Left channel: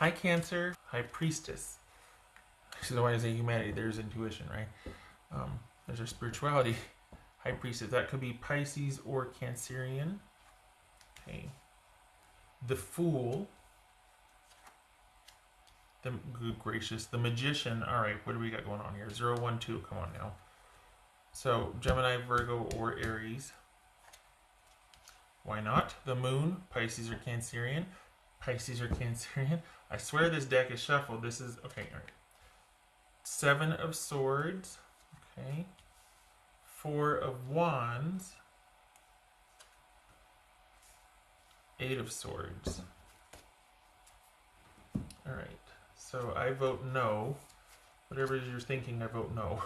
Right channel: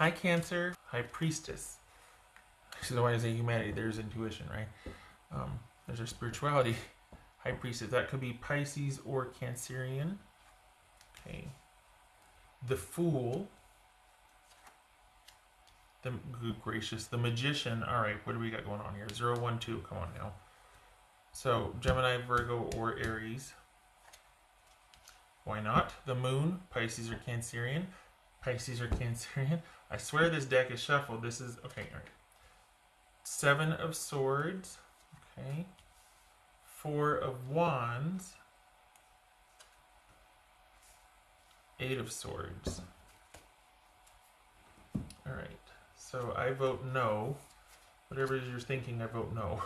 High Cancer, High Priestess. So why is it humanity? There's intuition, right? There's our spirituality. High Priestess. That could be Pisces or Cancerian. Okay. The Fool. The good gracious. The Magician. All right. What do we got going on here? 0, 1, 2. Come on now. So Gemini, Virgo, or Aries. Why not? The Moon. Pisces or Cancerian. Pisces or Cancerian. I swear this deck is shuffled. This is okay. All right. 7 of Swords. Okay. 4 of Wands. 8 of Swords. Alright, so I vote no. Whatever you're thinking, I vote no.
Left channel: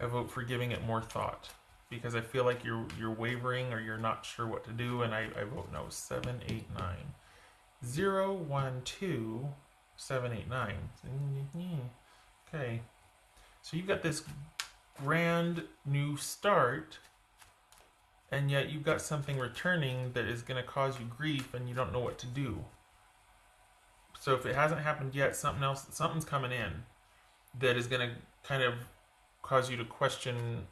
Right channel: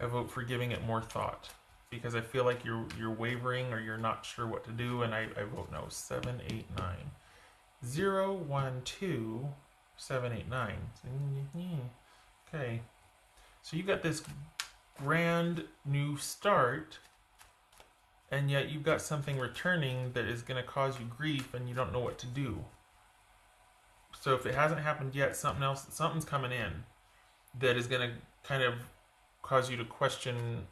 I vote for giving it more thought. Because I feel like you're wavering or you're not sure what to do, and I vote no. 7, 8, 9. 0, 1, 2, 7, 8, 9. Okay. So you got this brand new start, and yet you've got something returning that is going to cause you grief and you don't know what to do. So if it hasn't happened yet, something's coming in that is going to kind of cause you to question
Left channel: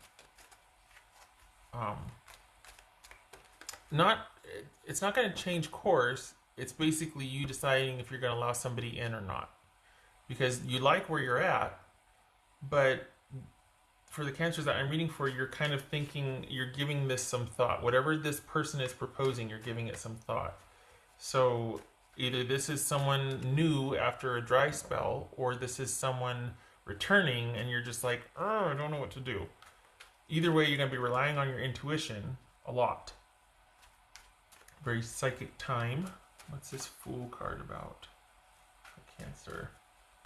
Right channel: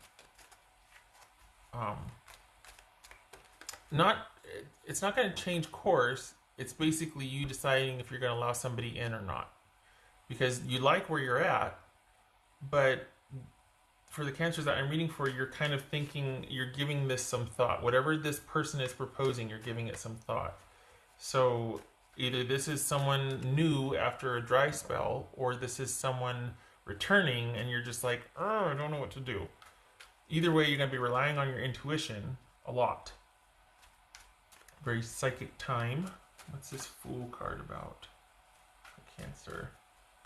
it's not going to change course. It's basically you deciding if you're going to allow somebody in or not, because you like where you're at, but for the Cancers that I'm reading for, you're kind of thinking, you're giving this some thought. Whatever this person is proposing, you're giving it some thought. So either this is someone new after a dry spell, or this is someone returning and you're just like, oh, I don't know what to do. Either way, you're going to be relying on your intuition a lot. Very psychic time. What's this Fool card about? Cancer.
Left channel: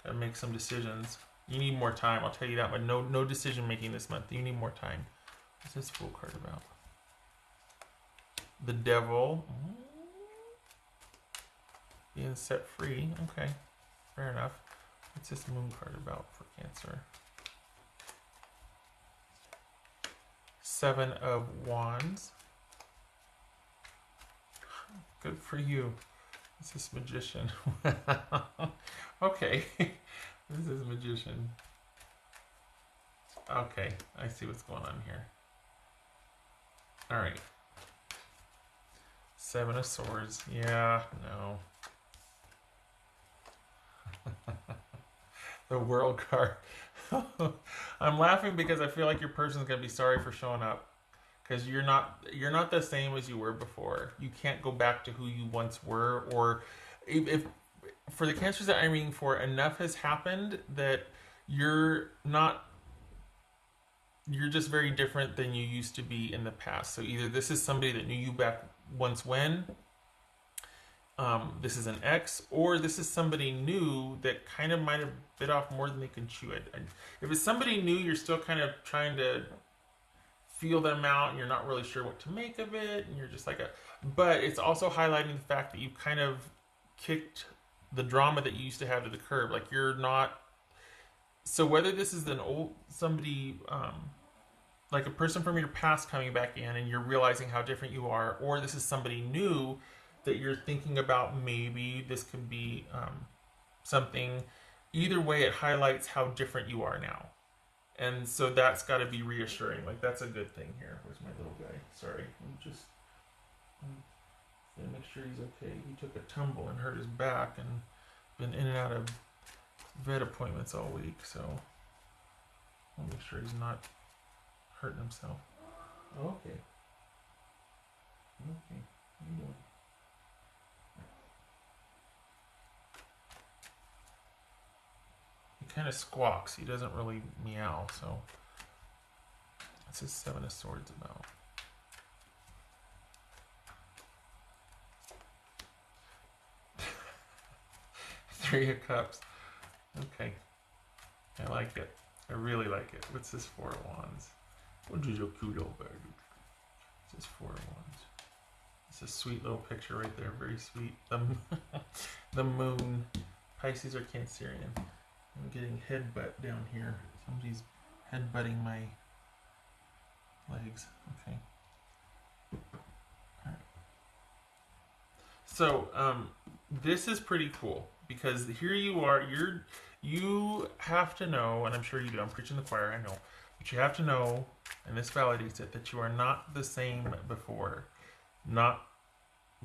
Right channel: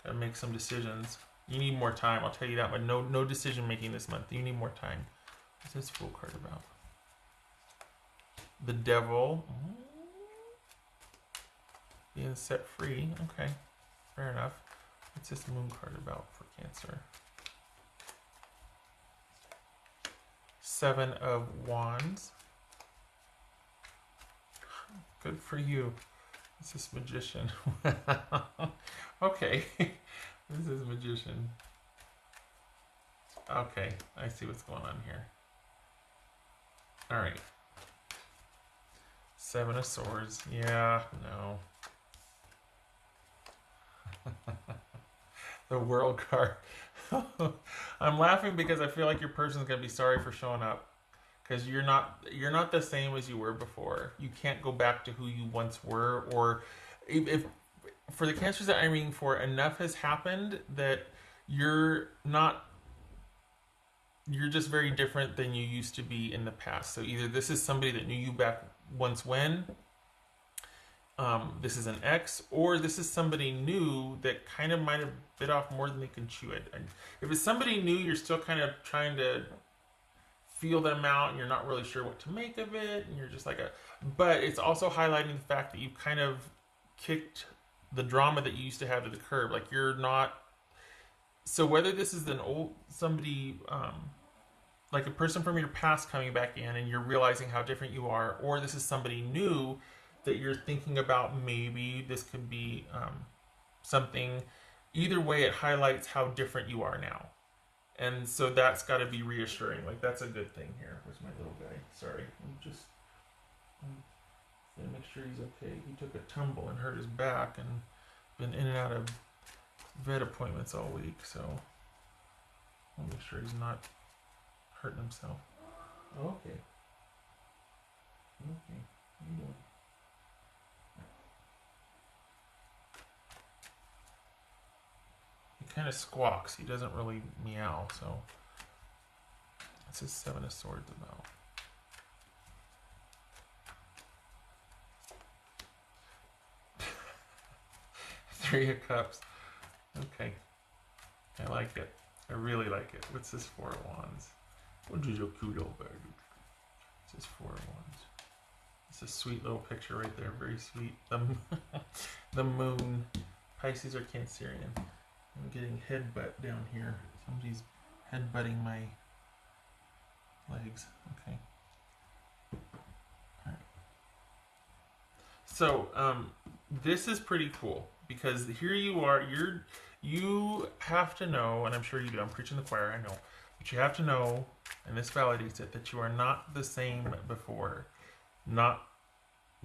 Gotta make some decisions. You need more time, I'll tell you that, but no decision making this month. You need more time. What's this Fool card about? The Devil. Being set free. Okay, fair enough. What's this Moon card about for Cancer? 7 of Wands. Good for you. What's this Magician? Okay. This is Magician. Okay, I see what's going on here. Alright. 7 of Swords. Yeah, no. The World card. I'm laughing because I feel like your person's gonna be sorry for showing up. Because you're not the same as you were before. You can't go back to who you once were, or if for the Cancers that I'm reading for, enough has happened that you're just very different than you used to be in the past. So either this is somebody that knew you back once when, this is an ex, or this is somebody new that kind of might have bit off more than they can chew. If it's somebody new, you're still kind of trying to feel them out, and you're not really sure what to make of it, and you're just like but it's also highlighting the fact that you kind of kicked the drama that you used to have to the curb. Like you're not. So whether this is somebody like a person from your past coming back in and you're realizing how different you are, or this is somebody new that you're thinking about, maybe this could be something. Either way, it highlights how different you are now. And so that's got to be reassuring. Like, that's a good thing here. Where's my little guy? Sorry. I'm just make sure he's okay. He took a tumble and hurt his back and been in and out of vet appointments all week. So I'll make sure he's not hurting himself. Okay. Okay. Kind of squawks. He doesn't really meow, so this is 7 of Swords about. 3 of Cups. Okay. I like it. I really like it. What's this 4 of Wands? What is your cute old bird? This is 4 of Wands. It's a sweet little picture right there. Very sweet. The moon. Pisces or Cancerian. I'm getting headbutt down here. Somebody's headbutting my legs. Okay. Right. So, this is pretty cool because here you are. You have to know, and I'm sure you do. I'm preaching the choir, I know, but you have to know, and this validates it, that you are not the same before, not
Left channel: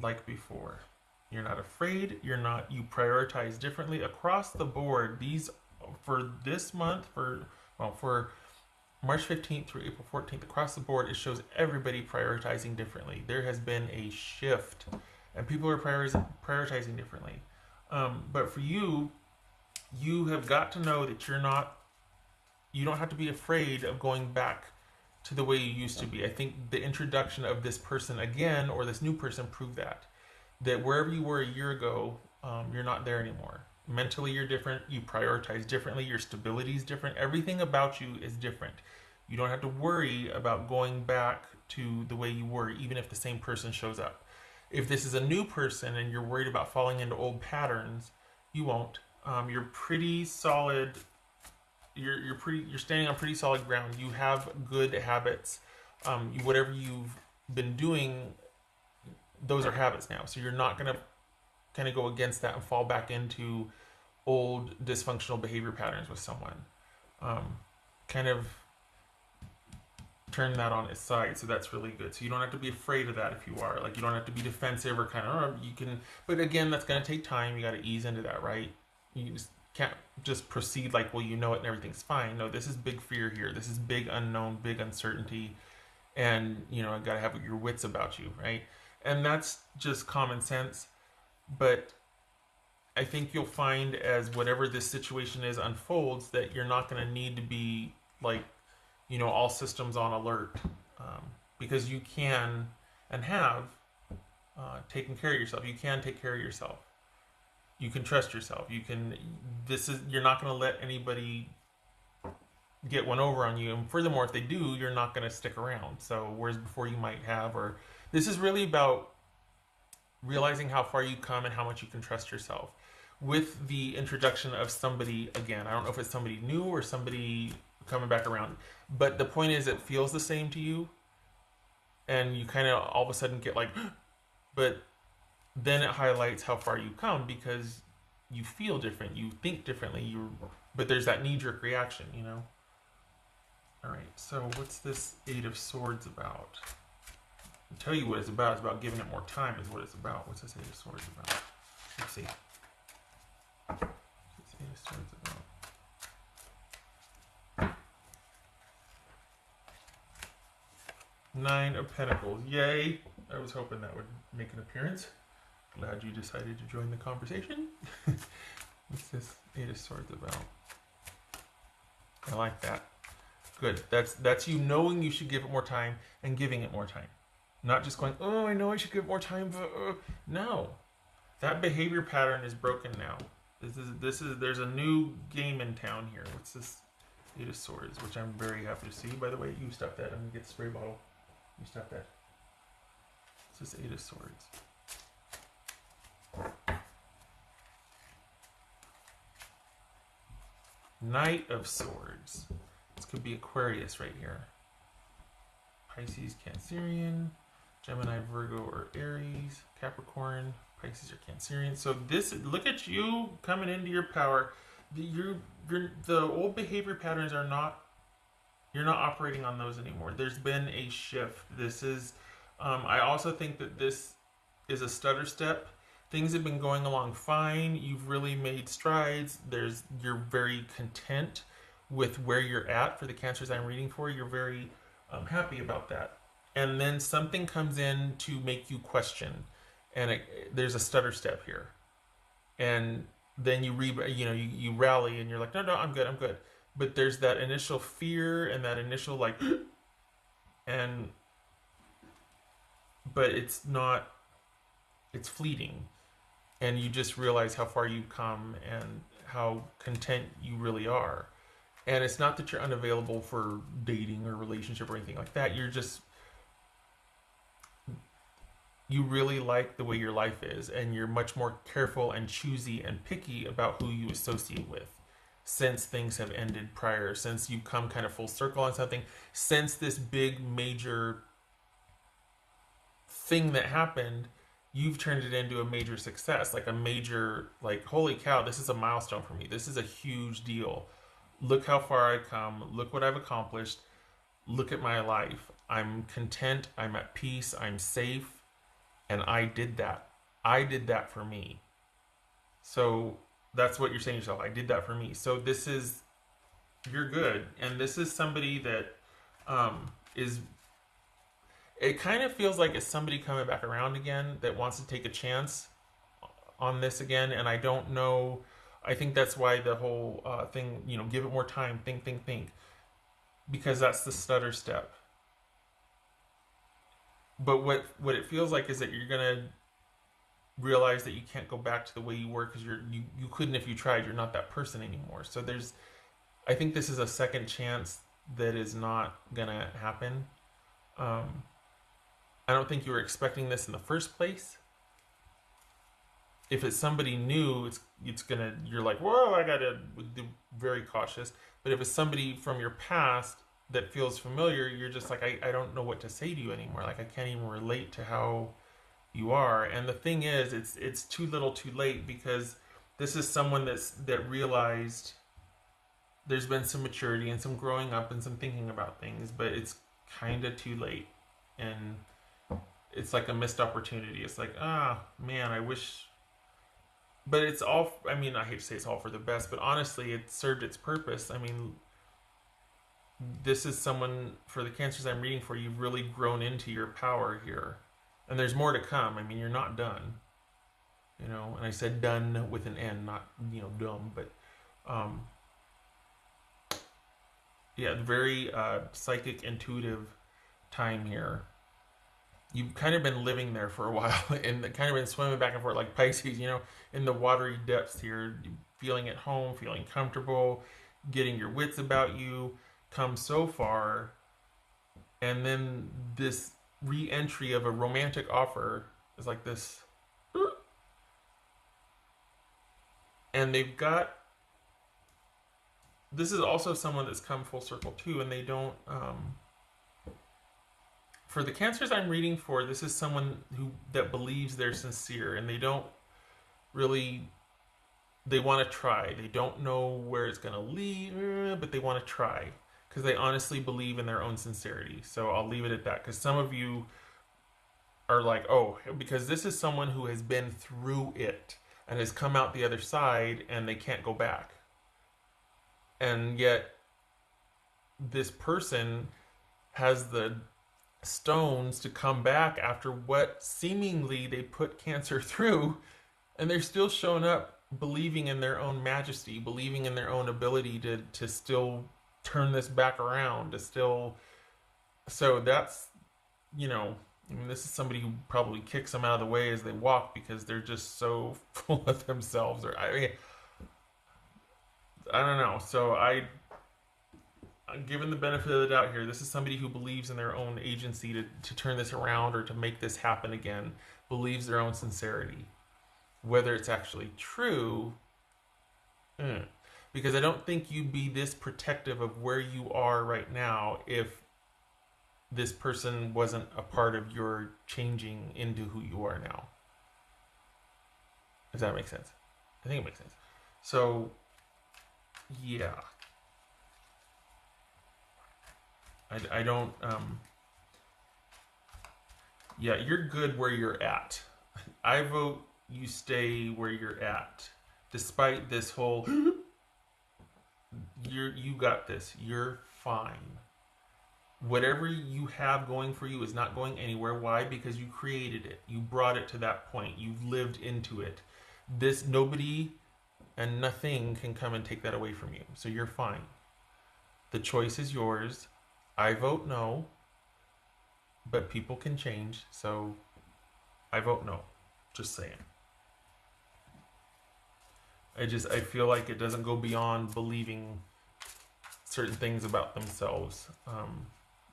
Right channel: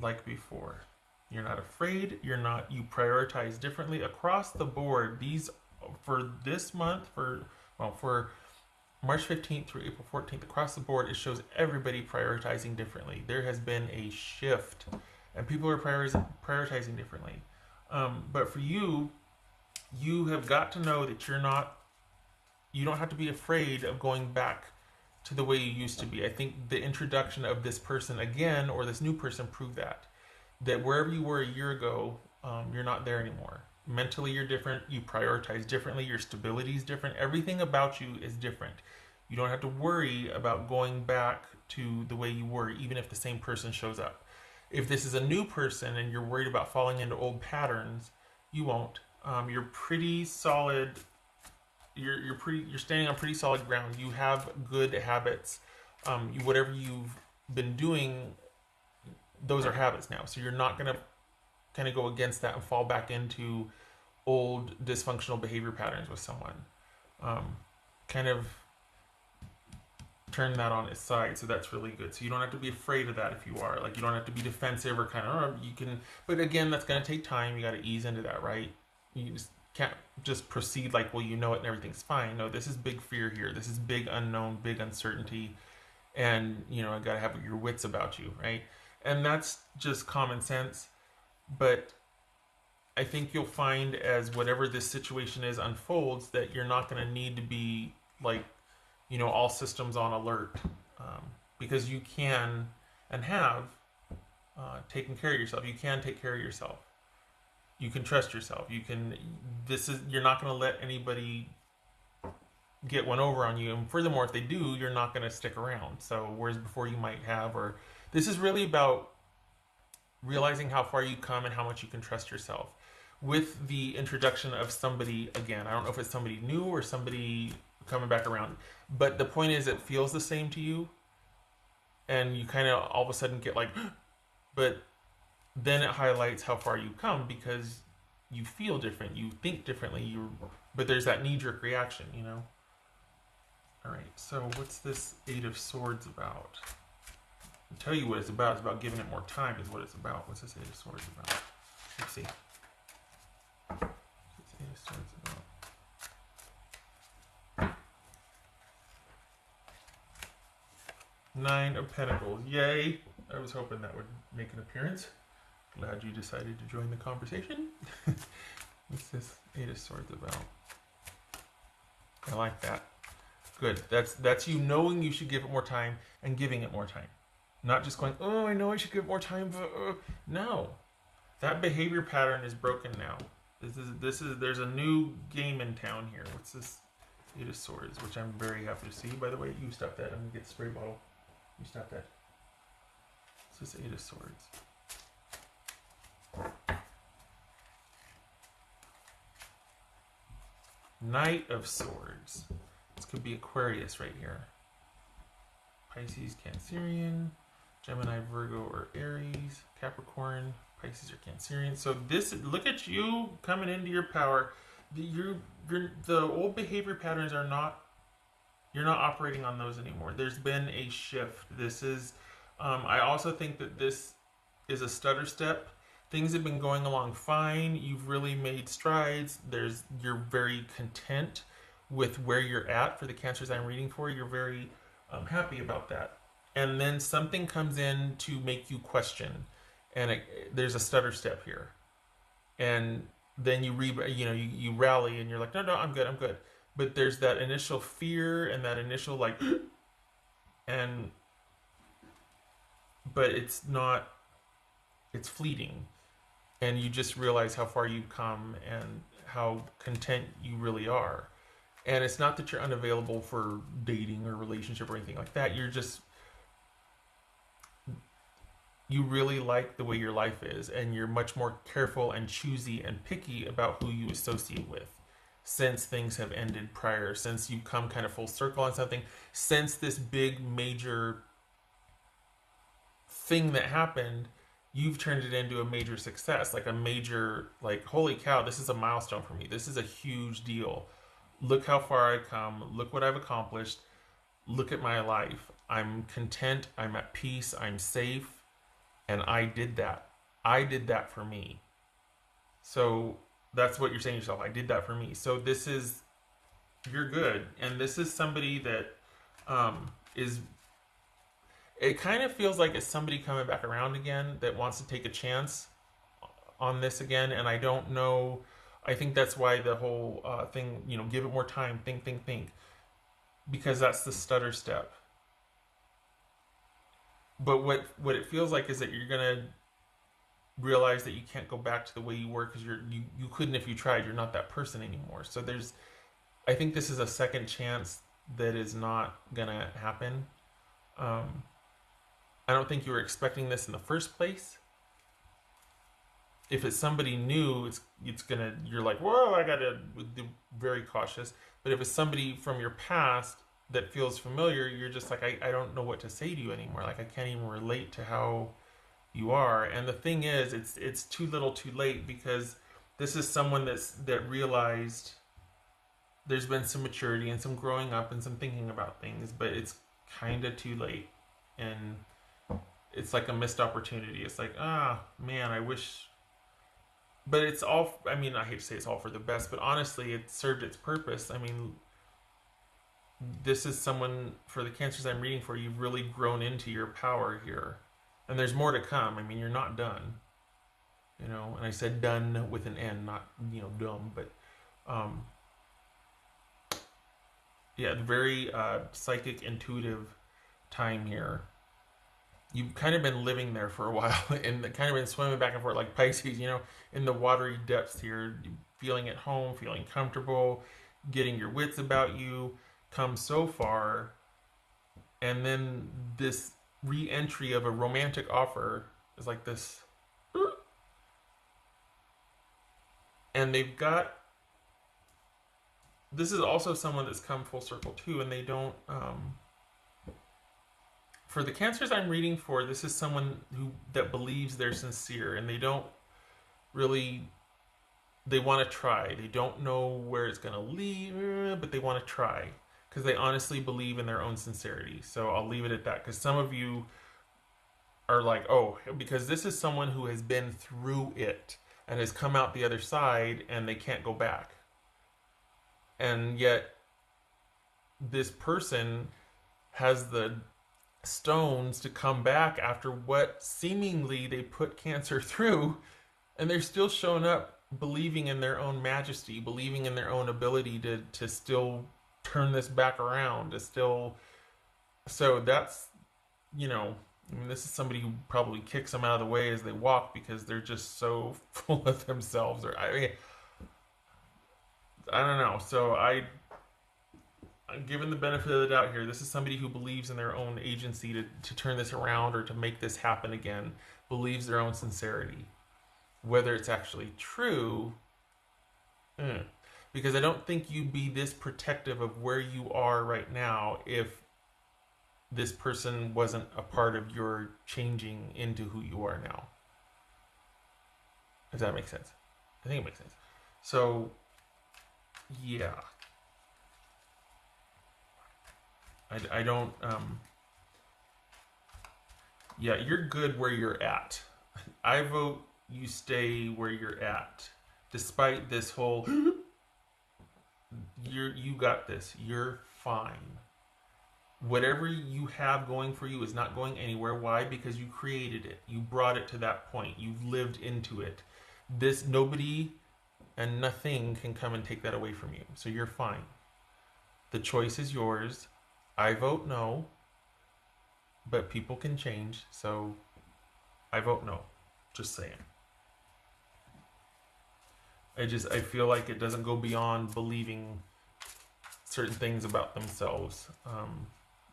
like before. You're not afraid. You're not. You prioritize differently across the board. These for this month for March 15th through April 14th across the board, it shows everybody prioritizing differently. There has been a shift, and people are prioritizing differently. But for you, you have got to know that you're not. You don't have to be afraid of going back to the way you used to be. I think the introduction of this person again, or this new person, proved that wherever you were a year ago, you're not there anymore. Mentally, you're different. You prioritize differently. Your stability is different. Everything about you is different. You don't have to worry about going back to the way you were, even if the same person shows up. If this is a new person and you're worried about falling into old patterns, you won't. You're pretty solid. You're standing on pretty solid ground. You have good habits. Whatever you've been doing, those are habits now. So you're not gonna kind of go against that and fall back into old dysfunctional behavior patterns with someone. Kind of turn that on its side. So that's really good. So you don't have to be afraid of that if you are. Like, you don't have to be defensive or kind of, you can, but again, that's going to take time. You got to ease into that, right? You just can't just proceed like, well, you know it and everything's fine. No, this is big fear here. This is big unknown, big uncertainty. And, you got to have your wits about you, right? And that's just common sense. But I think you'll find as whatever this situation is unfolds that you're not going to need to be like, all systems on alert, because you can and have taken care of yourself. You can take care of yourself. You can trust yourself. You're not going to let anybody get one over on you. And furthermore, if they do, you're not going to stick around. So whereas before you might have, or this is really about realizing how far you've come and how much you can trust yourself. With the introduction of somebody, again, I don't know if it's somebody new or somebody coming back around, but the point is it feels the same to you, and you kind of all of a sudden get like, but then it highlights how far you've come because you feel different, you think differently, but there's that knee-jerk reaction, All right, so what's this Eight of Swords about? I'll tell you what it's about. It's about giving it more time is what it's about. What's this Eight of Swords about? Let's see. What's Eight of Swords about? Nine of Pentacles. Yay! I was hoping that would make an appearance. Glad you decided to join the conversation. What's this Eight of Swords about? I like that. Good. That's you knowing you should give it more time and giving it more time. Not just going, oh, I know I should give it more time, but no. That behavior pattern is broken now. There's a new game in town here. What's this Eight of Swords, which I'm very happy to see. By the way, you step that and get spray bottle. You step that. This is Eight of Swords. Knight of Swords. This could be Aquarius right here. Pisces, Cancerian, Gemini, Virgo, or Aries, Capricorn, Pisces, or Cancerian. So look at you coming into your power. The old behavior patterns are not. You're not operating on those anymore. There's been a shift. This is. I also think that this is a stutter step. Things have been going along fine. You've really made strides. You're very content with where you're at. For the Cancers I'm reading for, you're very happy about that. And then something comes in to make you question, and there's a stutter step here. And then you rally, and you're like, no, I'm good. But there's that initial fear and that initial but it's not. It's fleeting. And you just realize how far you've come and how content you really are. And it's not that you're unavailable for dating or relationship or anything like that. You really like the way your life is, and you're much more careful and choosy and picky about who you associate with since things have ended prior, since you've come kind of full circle on something, since this big major thing that happened. you've turned it into a major success, like a major, like, holy cow, this is a milestone for me. This is a huge deal. Look how far I've come. Look what I've accomplished. Look at my life. I'm content. I'm at peace. I'm safe. And I did that. I did that for me. So that's what you're saying to yourself. I did that for me. So this is, you're good. And this is somebody that is, it kind of feels like it's somebody coming back around again that wants to take a chance on this again. And I don't know. I think that's why the whole thing, give it more time, think. Because that's the stutter step. But what it feels like is that you're gonna realize that you can't go back to the way you were because you couldn't if you tried. You're not that person anymore. So I think this is a second chance that is not gonna happen. I don't think you were expecting this in the first place. If it's somebody new, you're like, whoa, I gotta be very cautious. But if it's somebody from your past that feels familiar, you're just like, I don't know what to say to you anymore. Like, I can't even relate to how you are. And the thing is, it's too little too late, because this is someone that realized there's been some maturity and some growing up and some thinking about things, but it's kind of too late. And it's like a missed opportunity. It's like, man, I wish. But it's all, I hate to say it's all for the best, but honestly, it served its purpose. This is someone, for the cancers I'm reading for, you've really grown into your power here. And there's more to come. You're not done. And I said done with an N, not, dumb, but, yeah, very psychic, intuitive time here. You've kind of been living there for a while and kind of been swimming back and forth like Pisces, in the watery depths here, feeling at home, feeling comfortable, getting your wits about you, come so far. And then this re-entry of a romantic offer is like this. And this is also someone that's come full circle too, and they don't, for the cancers I'm reading for, this is someone that believes they're sincere, and they don't really, they want to try. They don't know where it's going to lead, but they want to try because they honestly believe in their own sincerity. So I'll leave it at that, because some of you are like, oh, because this is someone who has been through it and has come out the other side and they can't go back. And yet this person has the stones to come back after what seemingly they put Cancer through, and they're still showing up believing in their own majesty, believing in their own ability to still turn this back around, so that's, this is somebody who probably kicks them out of the way as they walk because they're just so full of themselves, or I don't know. So given the benefit of the doubt here, this is somebody who believes in their own agency to turn this around or to make this happen again, believes their own sincerity. Whether it's actually true, because I don't think you'd be this protective of where you are right now if this person wasn't a part of your changing into who you are now. Does that make sense? I think it makes sense. So, yeah. I don't, yeah, you're good where you're at. I vote you stay where you're at. Despite this whole, you got this. You're fine. Whatever you have going for you is not going anywhere. Why? Because you created it. You brought it to that point. You've lived into it. Nobody and nothing can come and take that away from you. So you're fine. The choice is yours. I vote no, but people can change, so I vote no. Just saying. I feel like it doesn't go beyond believing certain things about themselves.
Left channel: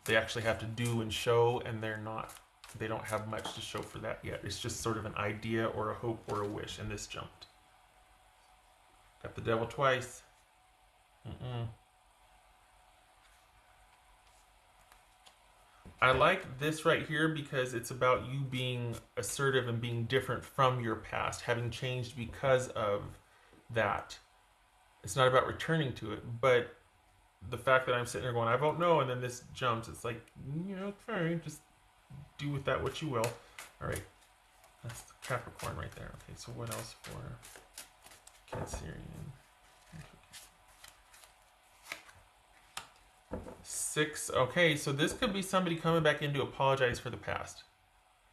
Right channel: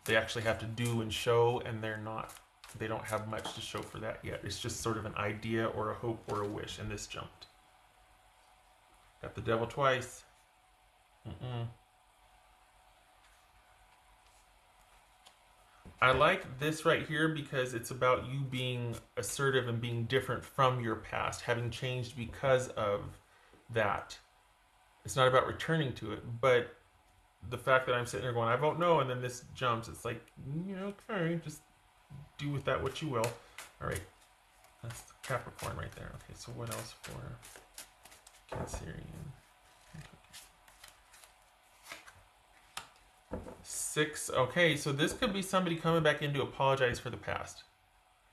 They actually have to do and show, and they don't have much to show for that yet. It's just sort of an idea or a hope or a wish, and this jumped. Got the devil twice. I like this right here because it's about you being assertive and being different from your past, having changed because of that. It's not about returning to it, but the fact that I'm sitting there going, I vote no, and then this jumps, it's like, okay, just do with that what you will. All right, that's Capricorn right there. Okay, so what else for Cancerian? 6. Okay, so this could be somebody coming back in to apologize for the past.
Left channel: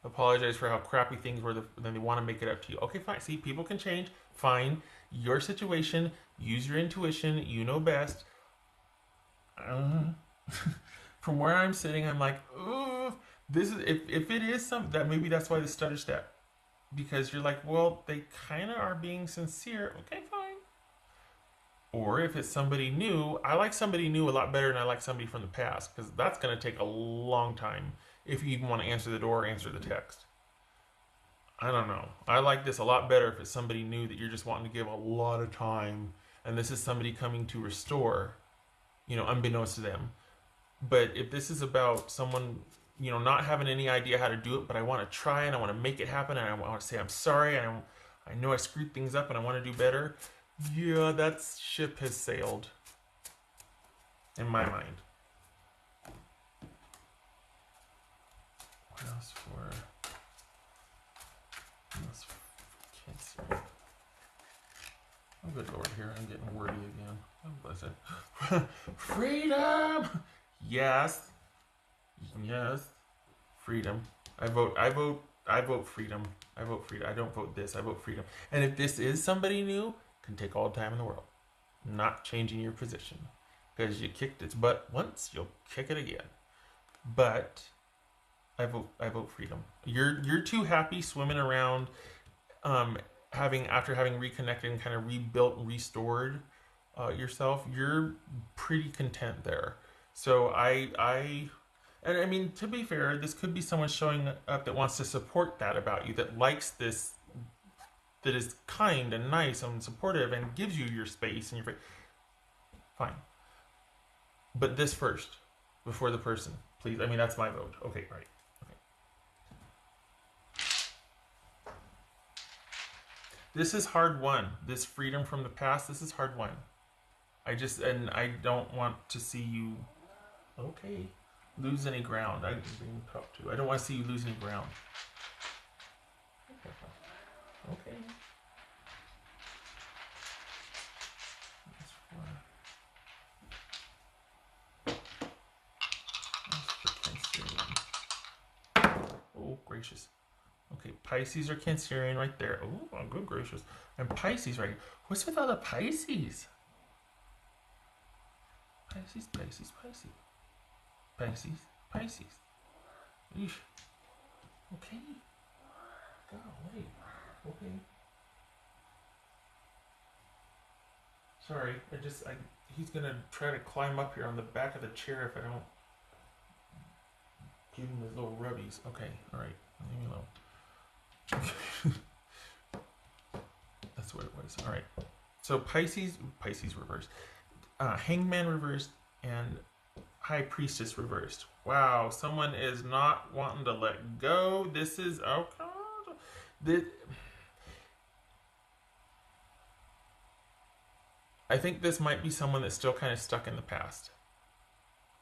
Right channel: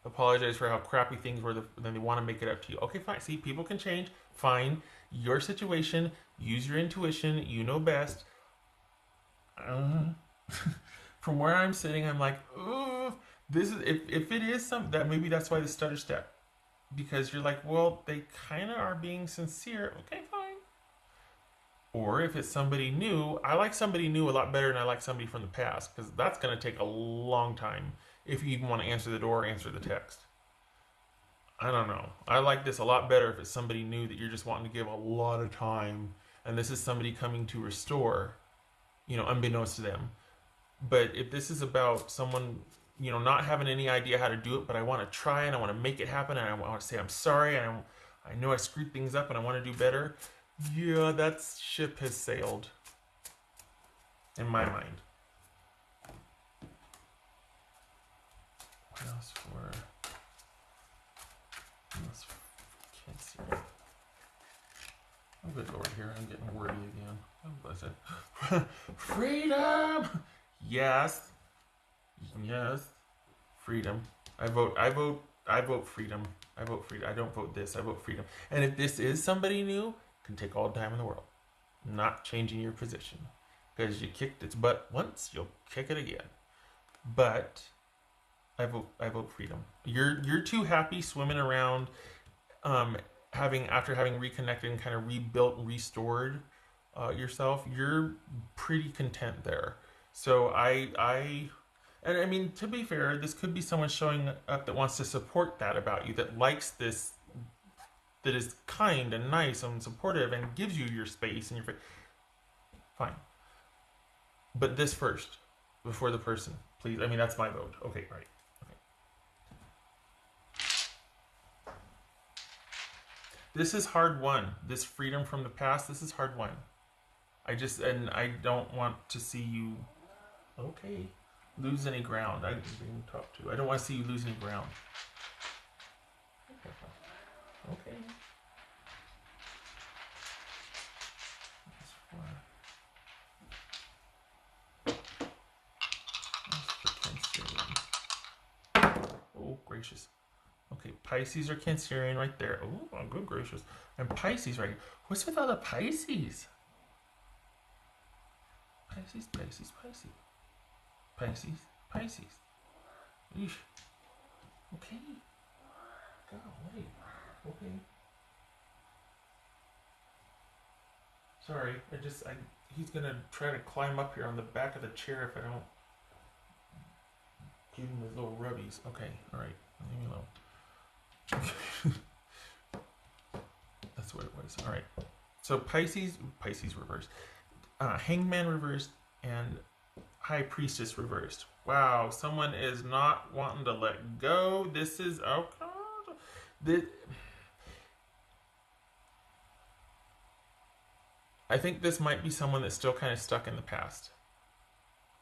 Apologize for how crappy things were, then they want to make it up to you. Okay, fine. See, people can change. Fine. Your situation. Use your intuition. You know best. From where I'm sitting, I'm like, this is if it is something that maybe that's why the stutter step, because you're like, well, they kind of are being sincere. Okay, fine. Or if it's somebody new, I like somebody new a lot better than I like somebody from the past, because that's going to take a long time if you even want to answer the door or answer the text. I don't know. I like this a lot better if it's somebody new that you're just wanting to give a lot of time, and this is somebody coming to restore, unbeknownst to them. But if this is about someone, not having any idea how to do it, but I want to try and I want to make it happen, and I want to say I'm sorry, and I know I screwed things up and I want to do better. Yeah, that ship has sailed in my mind. What else for Cancer? I'll go over here and get wordy again. Oh, bless it. Freedom! Yes. Yes. Freedom. I vote freedom. I vote freedom. I don't vote this. I vote freedom. And if this is somebody new, can take all the time in the world. Not changing your position. Because you kicked its butt once, you'll kick it again. But I vote freedom. You're too happy swimming around, after having reconnected and kind of rebuilt and restored yourself. You're pretty content there. So and I mean, to be fair, this could be someone showing up that wants to support that about you, that likes this, that is kind and nice and supportive and gives you your space and your fine. But this first, before the person, please. I mean, that's my vote. Okay, right. Okay. This is hard won. This freedom from the past, this is hard won. I don't want to see you, lose any ground. I don't want to see you lose any ground. Okay. Oh, gracious. Okay, Pisces or Cancerian right there. Oh, good gracious. And Pisces right here. What's with all the Pisces? Pisces. Oof. Okay. Okay. Sorry, he's gonna try to climb up here on the back of the chair if I don't give him his little rubbies. Okay, alright, leave me alone. That's what it was. Alright. So Pisces reversed. Hangman reversed and High Priestess reversed. Wow, someone is not wanting to let go. This is, oh God. I think this might be someone that's still kind of stuck in the past.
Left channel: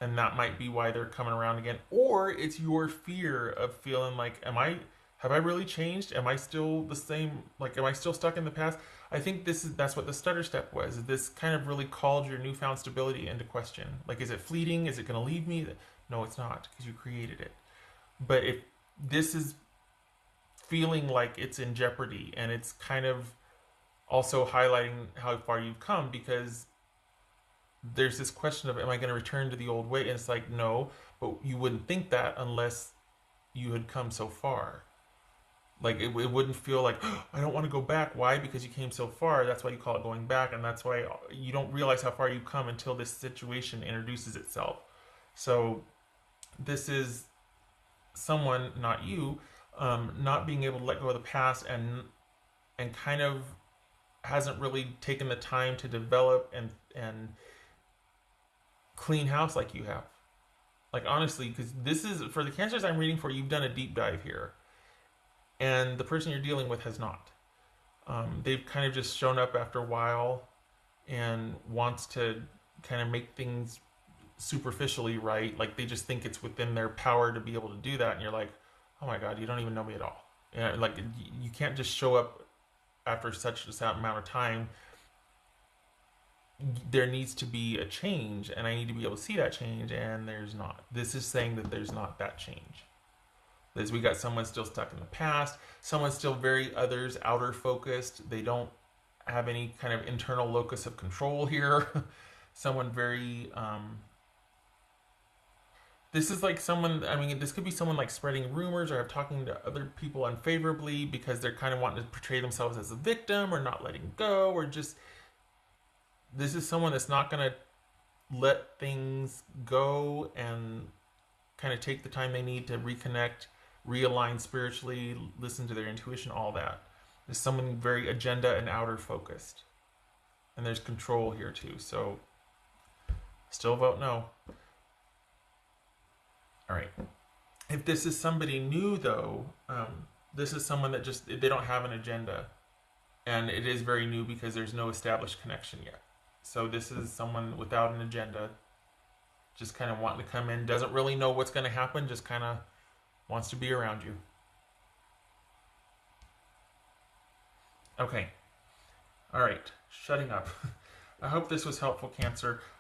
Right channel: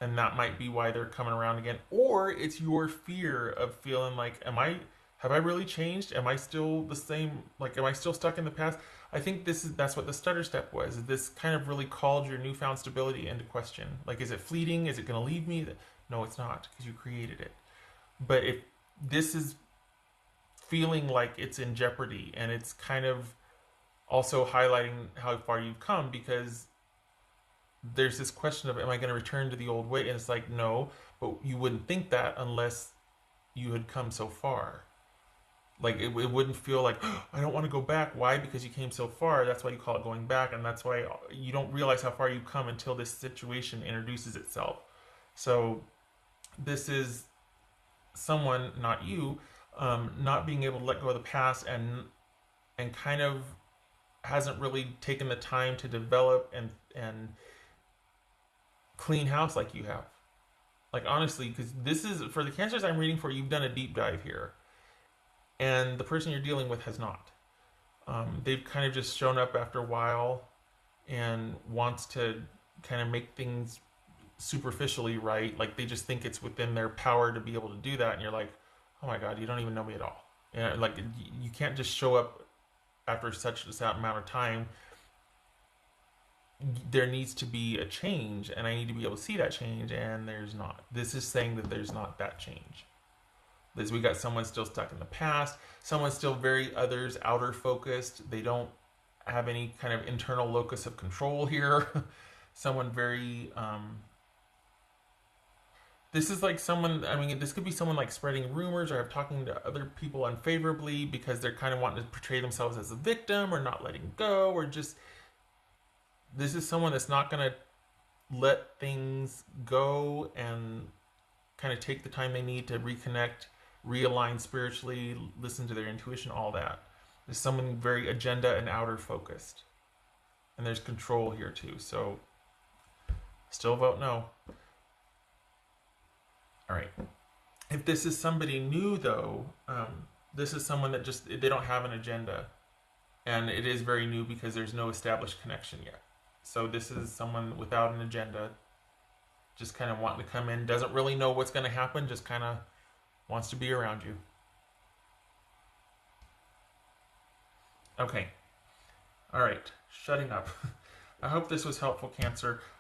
And that might be why they're coming around again. Or it's your fear of feeling like, have I really changed? Am I still the same? Like, am I still stuck in the past? I think that's what the stutter step was. This kind of really called your newfound stability into question. Like, is it fleeting? Is it going to leave me? No, it's not, because you created it. But if this is feeling like it's in jeopardy, and it's kind of also highlighting how far you've come, because there's this question of, am I going to return to the old way? And it's like, no, but you wouldn't think that unless you had come so far. Like, it wouldn't feel like, oh, I don't want to go back. Why? Because you came so far. That's why you call it going back, and that's why you don't realize how far you've come until this situation introduces itself. So this is someone, not you, not being able to let go of the past, and kind of hasn't really taken the time to develop and clean house like you have. Like honestly, because this is for the cancers I'm reading for. You've done a deep dive here, and the person you're dealing with has not. They've kind of just shown up after a while and wants to kind of make things superficially right. Like they just think it's within their power to be able to do that, and you're like, oh my god, you don't even know me at all. Yeah, like you can't just show up after such a amount of time. There needs to be a change, and I need to be able to see that change, and there's not. This is saying that there's not that change. This we got someone still stuck in the past, someone still very others outer focused. They don't have any kind of internal locus of control here. Someone very this is like someone, I mean, this could be someone like spreading rumors or talking to other people unfavorably because they're kind of wanting to portray themselves as a victim or not letting go, or just this is someone that's not going to let things go and kind of take the time they need to reconnect, realign spiritually, listen to their intuition, all that. There's someone very agenda and outer focused. And there's control here too. So still vote no. All right. If this is somebody new though, this is someone that just, they don't have an agenda. And it is very new because there's no established connection yet. So this is someone without an agenda, just kind of wanting to come in, doesn't really know what's going to happen, just kind of wants to be around you. Okay. All right. Shutting up. I hope this was helpful, Cancer.